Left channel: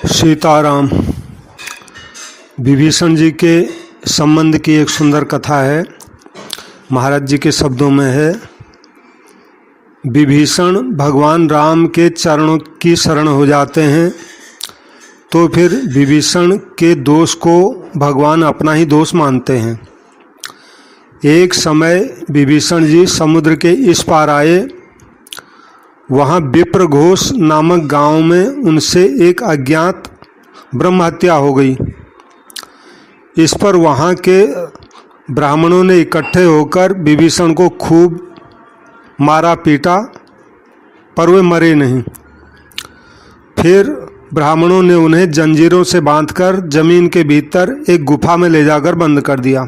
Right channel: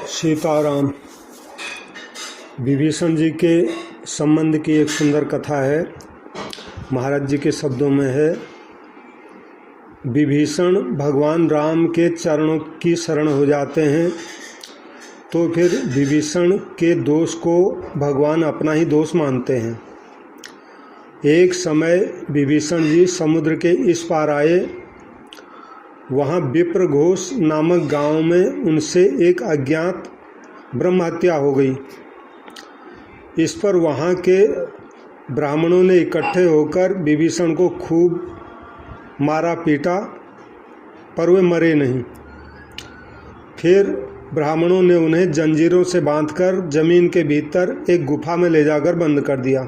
सीताराम। विभीषण जी के संबंध की एक सुंदर कथा है। महाराज जी के शब्दों में है, विभीषण भगवान राम के चरणों की शरण हो जाते हैं तो फिर विभीषण के दोष को भगवान अपना ही दोष मानते हैं। एक समय विभीषण जी समुद्र के इस पार आए। वहाँ विप्रघोष नामक गांव में उनसे एक अज्ञात ब्रह्म हत्या हो गई। इस पर वहाँ के ब्राह्मणों ने इकट्ठे होकर विभीषण को खूब मारा पीटा, पर वे मरे नहीं। फिर ब्राह्मणों ने उन्हें जंजीरों से बांधकर जमीन के भीतर एक गुफा में ले जाकर बंद कर दिया।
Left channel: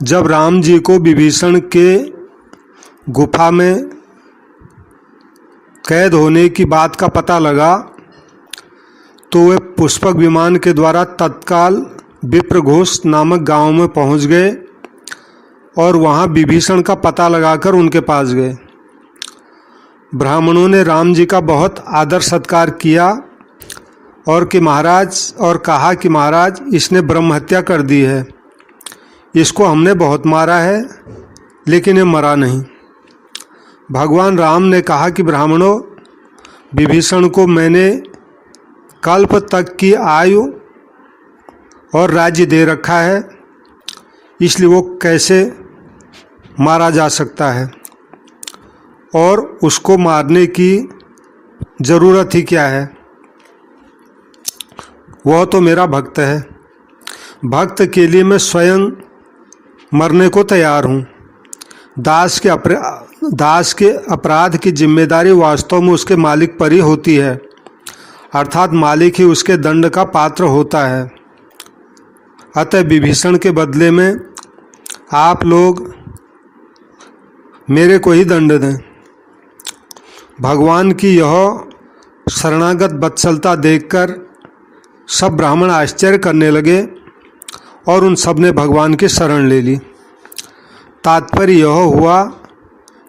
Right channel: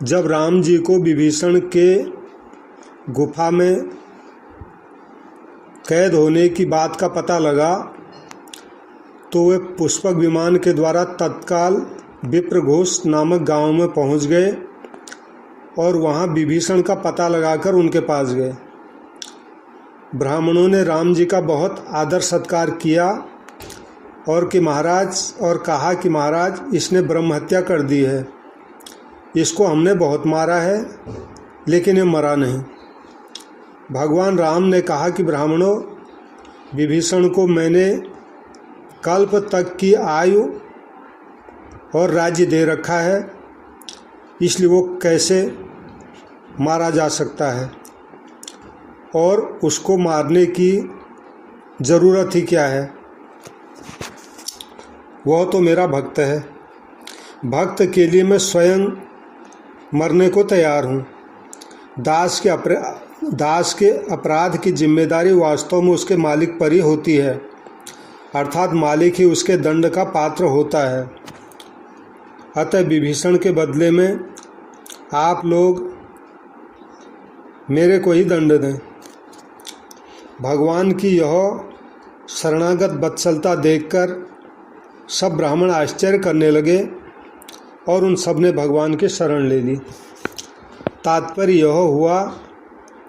जब राम जी को विभीषण के गुफा में कैद होने की बात का पता लगा तो वे पुष्पक विमान के द्वारा तत्काल विप्रघोष नामक गांव में पहुंच गए और वहां विभीषण का पता लगाकर उनके पास गए। ब्राह्मणों ने राम जी का बहुत आदर सत्कार किया और कहा कि महाराज, इसने ब्रह्म हत्या कर दी है। इसको हमने बहुत मारा है लेकिन ये मरा नहीं। भगवान राम ने कहा कि ब्राह्मणों, विभीषण को मैंने कल्प तक की आयु और राज्य दे रखा है, इसलिए वो कैसे मारा जा सकता है और उसको मारने की ज़रूरत ही क्या है। वह तो मेरा भक्त है। भक्त के लिए मैं स्वयं मरने को तैयार हूँ। दास के अपराध की जिम्मेदारी वास्तव में उसके मालिक पर ही होती है, अर्थात मालिक ही उसके दंड का पात्र होता है। अतः विभीषण के बदले में आप लोग मेरे को ही दंड दें। भगवान की यह शरणागत वत्सलता देखकर सब ब्राह्मण आश्चर्य करने लगे और उन सब ने भगवान की शरण ले ली। तात्पर्य यह हुआ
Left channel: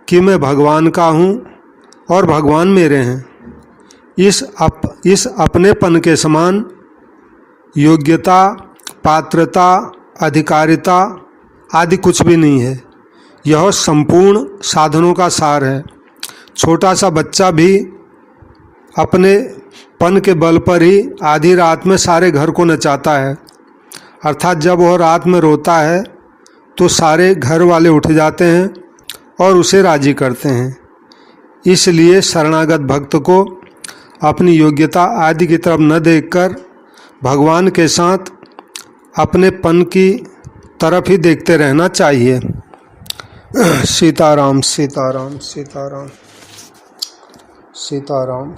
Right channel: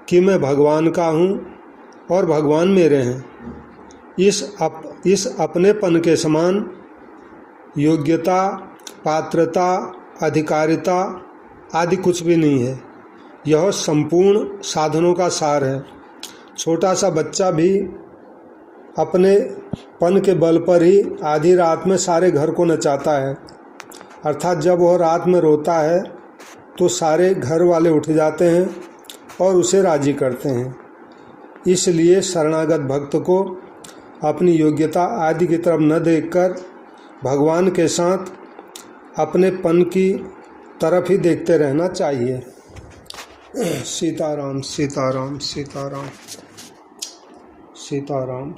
कि मैं भगवान का हूँ और भगवान मेरे हैं। इस अपनेपन के समान योग्यता, पात्रता, अधिकारिता आदि कुछ भी नहीं है। यह संपूर्ण साधनों का सार है। छोटा सा बच्चा भी अपने पन के बल पर ही आधी रात में सारे घर को नचाता है, अर्थात जब वह रात में रोता है तो सारे घर वाले उठ जाते हैं और उसे राजी करते हैं। इसलिए शरणागत भक्त को अपनी योग्यता आदि की तरफ न देखकर भगवान के साथ अपने पन की तरफ ही देखते रहना चाहिए। सीताराम सीताराम सीताराम सीताराम।